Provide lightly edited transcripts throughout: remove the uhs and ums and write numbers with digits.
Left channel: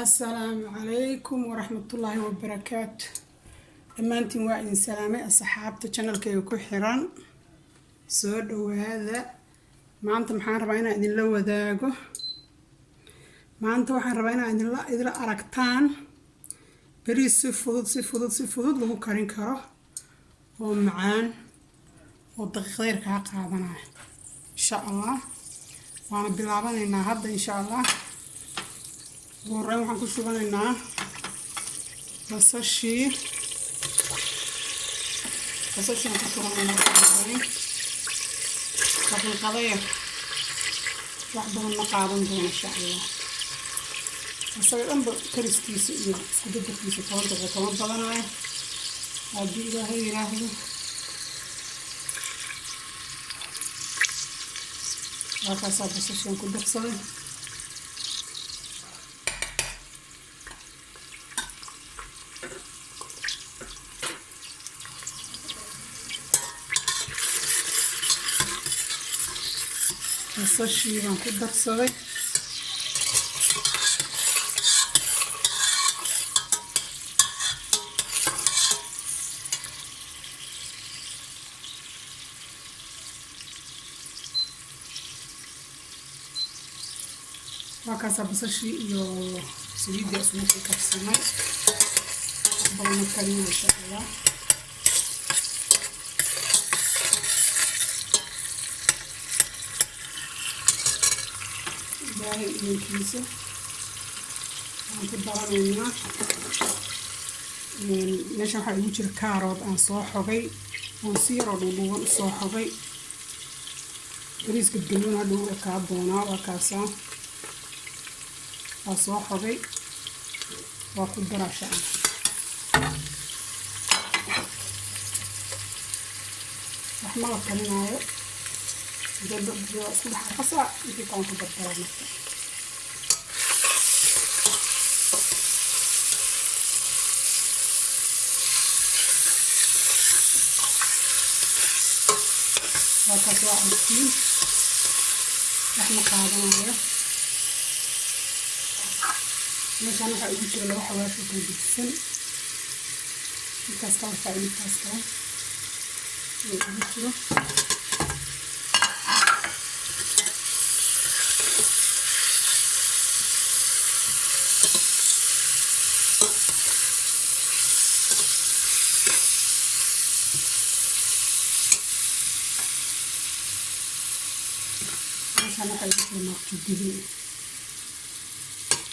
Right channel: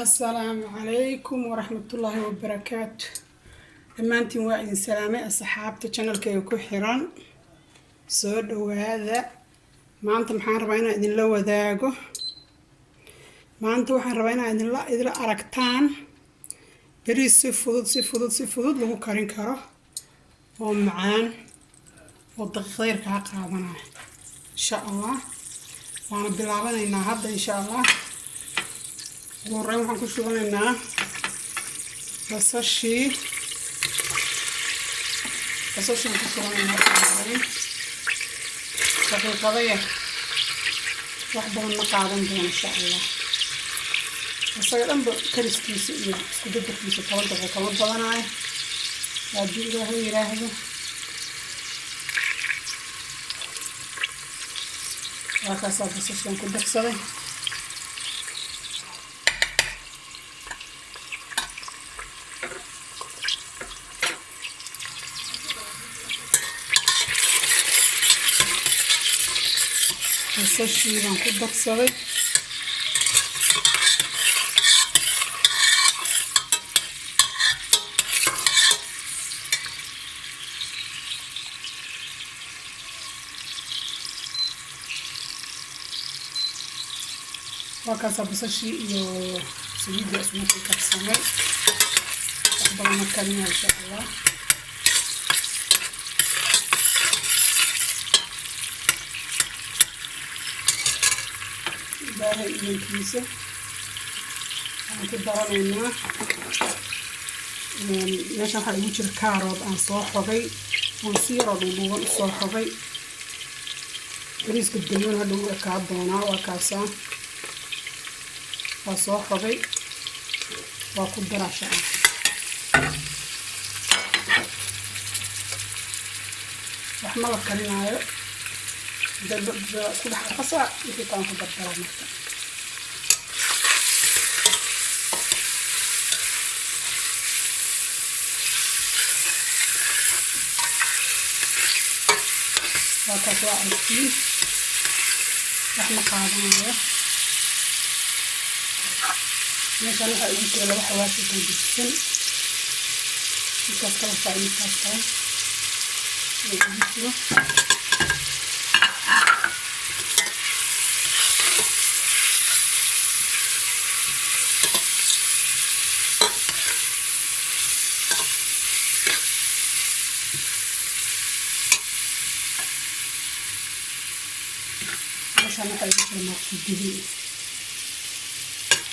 السلام عليكم ورحمة الله وبركاته. دمانتين واعدين سلامي أصحابتي channelkayga ku xiran soo dhawaada. maanta maxaan rabaa inaan idin la wadaago. maanta waxaan rabaa inaan idin aragtaan bariis si fudud lagu karin karo oo macaan oo daqiiqad yar ka qaadanaya insha Allah. waana bilaabanaynaa hadda insha Allah. ورين waxaan ku shubanaynaa basashii ku shubanaynaa daqiiqado yar wax badan ma qaadan doono insha Allah. asaga dhanba kariskiisa iyo isku dadkiisa 10 daqiiqo kama badanayo haddii Ilaahay yiraahdo. waakaasaa basashaan ku darsaday. basashii baan ku darsaday. waakaasaa basashii iyo saliidda isku karsamay wax badan ma karinayo insha Allah. baahay iyankiisa waxaan ku daranaynaa meeshaan waxaa igu jira kaarood aan soo xogay oon si yaroo dhuudhuuban usoo xogay. bariiska gaduudan hadha u ekaa doonaa. waakaasaa waa soo xogay waa ku daraa insha Allah. wax ma la karinaayo isku dhex qasaa wixii kaan ku dardaraa marka. waakaas waa aragtiin wax ma qaadanayo. meeshaan waxaa igu jira laba xawaash oo kala gedisan. midkaas kala faa midkaas kale oo igu jiro. meeshaan waxaa igu jira maaqti dibi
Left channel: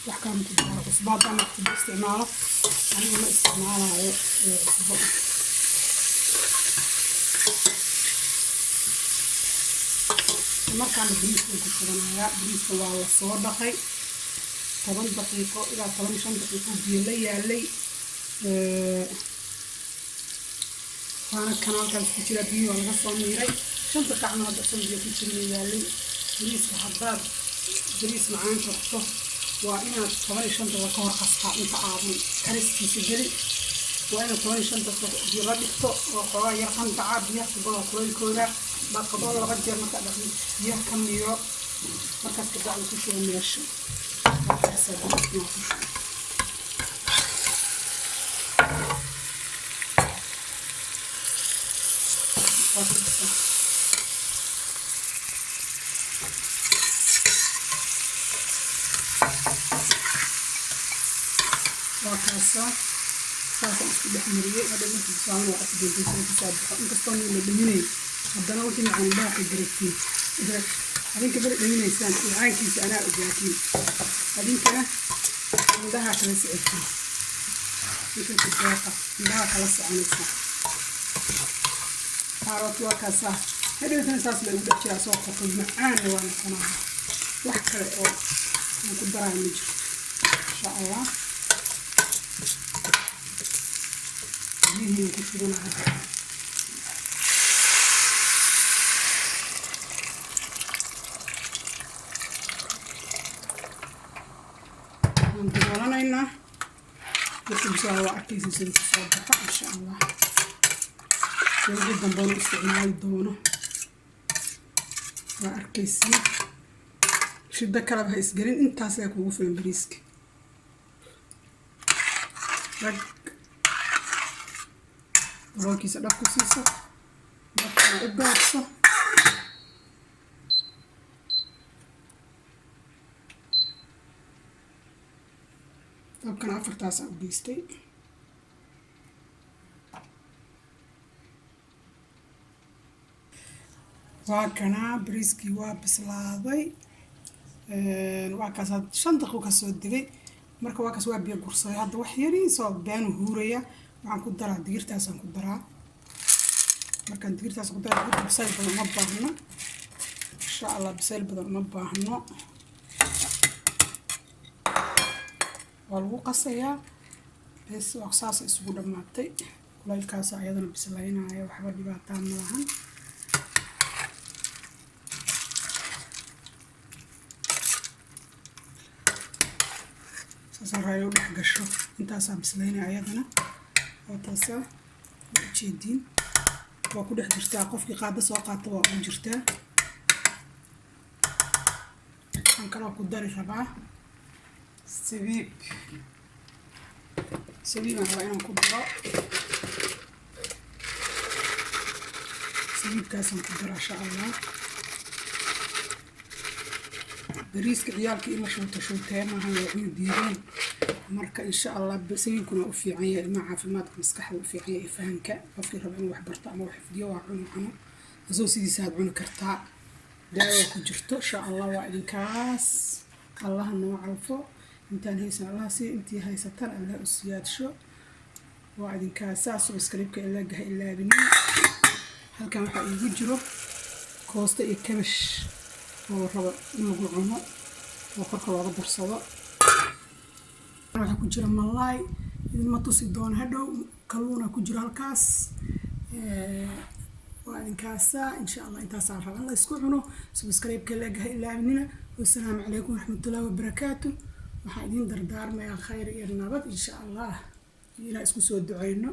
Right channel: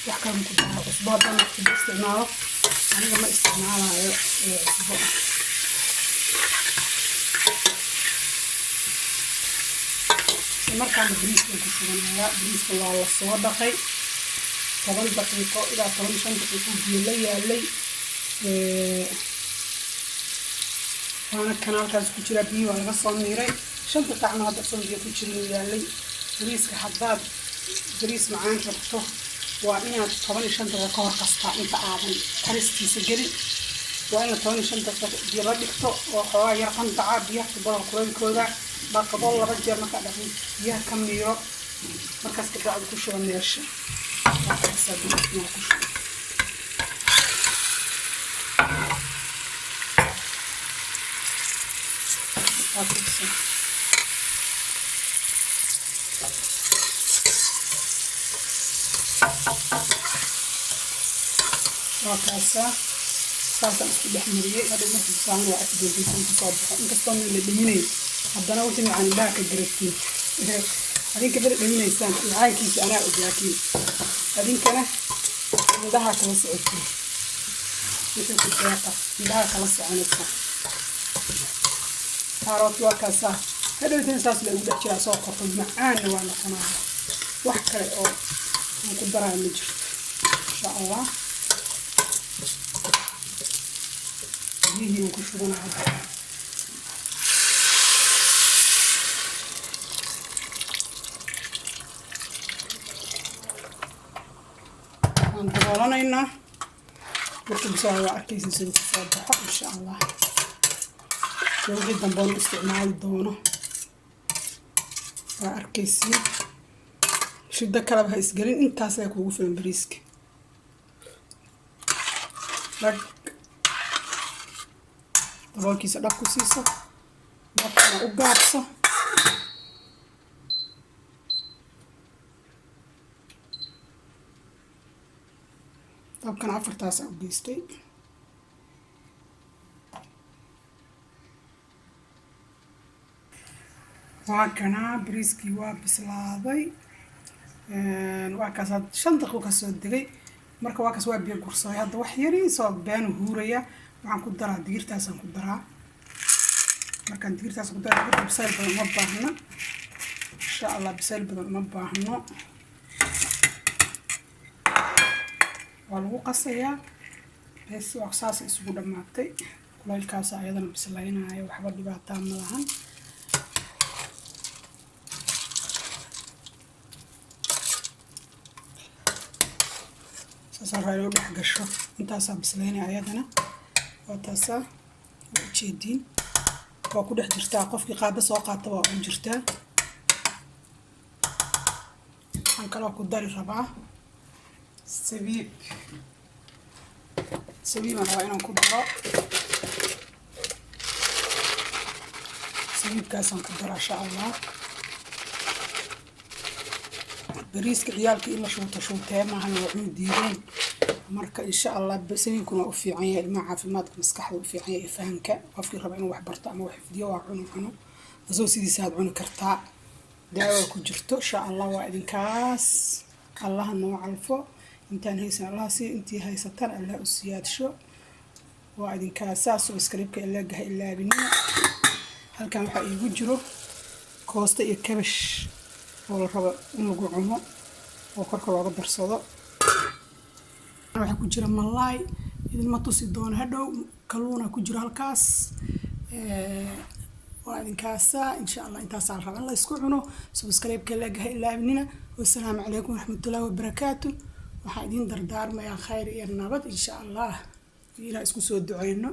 wax kale ku daro cusbo haddaan waqti isticmaalo. aniga ma isticmaalayo cusbo. markaan bariiska ku shubanayaa. bariiska waa la soo dhaqay 10 daqiiqo ilaa 15 daqiiqo biyo la yaalay. waana kanaalkaas ku jira biyo waa laga soo miiray 5 daqiiqo hadda soo biyo ku jira yaalay. bariiska haddaad bariis macaan rabto waa inaad 15 daqiiqo ka hor qastaa inta aadan kariskiisa gelin. waa inaad 15 daqiiqo biyo la dhigto oo xoogaa yar qandaca biyaha kubada kulaylkooda dhaqdo 2 jeer marka dhaqdo biyaha ka miiro markaas ka bacdi ku shuba meesha. waakaasaa bariiska ku shuba. waakaasaa saasaan isku dhex mariyey. hadha markii bisaan waa afgeentaysan ku soo baxo inkastoo meel la dhaminay haddana wixii macaan indhaha ka garagtiin. adinka bari dhaminaysaan macaankiisa anaa ogaatiin adinkana indhaha kala socotiin. wixii ku deeqa indhaha kala soconaysa. kaaroot waakaasaa hadhowtana saas la ugu dhex jiraa soo qorto macaanna waa noqonaya. wax kale oo aan ku daraayo ma jirto insha Allah. biyihii ku shubanayo. aan daboolanaynaa. markii bisaan waa arkaysa sida ku soo baxo insha Allah. wixii dambe isticmaali doono waa arkaysiin. shida kale ha isgelin intaas ay kugu filan bariiska dhag daboolkiisa dhag ku siiso markana u gaabso dabkana 4 u geystay waa kana bariiskii waa bislaaday waa kaas 5 daqiiqo ka soo degay marka waa kaas waa biyo gursaday hadda wax yari soo baan huuraya waxaan ku daraa digirtaasaan ku daraa markaan digirtaas ku daraa digirta bisayl badan ma baahna insha Allah bisayl badan ma baahno waa lagu qasayaa bes wax saas isugu dhamaatay kulaylkaas ayadana bislaynaayo waxba dhibaato ma lahan saaraayo dhex gasho intaas bislaynaa ayadana oo taasa jeedin oo ku dhex jirtaa qofkii qaada soo qaata waa u jirtaa waxaan kala ku dari rabaa sabiib aan rabaa inaan ku daro sabiibkaasaan ku daraa insha Allah bariiska ciyaalka in la shuutay maahan waa cunno diireen marka insha Allah sabiibkuna u fiican yahay ilmaha caafimaadka maskaxda u fiican yahay fahanka qofkii raba inuu wax barto ama wax xifdiyo waa cuno asoo sidiisa aad cuni kartaa daawo ku jirto insha Allah waa idinkaas Allah noo calfo intaan haysan Allah si intii haysatan Allah u siyaadsho waa idinkaas subscribe-ka ilaa binina halkan waxa igu jiro koosta iyo kabash oo raba in lagu cuno oo korka looga darsado waxa ku jira malaay idin ma tusi doona hadhow kalluuna ku jira halkaas waa idinkaas insha Allah intaas aan rabaa in la isku cuno subscribe-ka ilaa binina wassalaamu calaykum waraxmatullaahi wabarakaatuh waxaan idin dardaarmayaa khayr iyo nabad insha Allah ilaa isku soo duceyno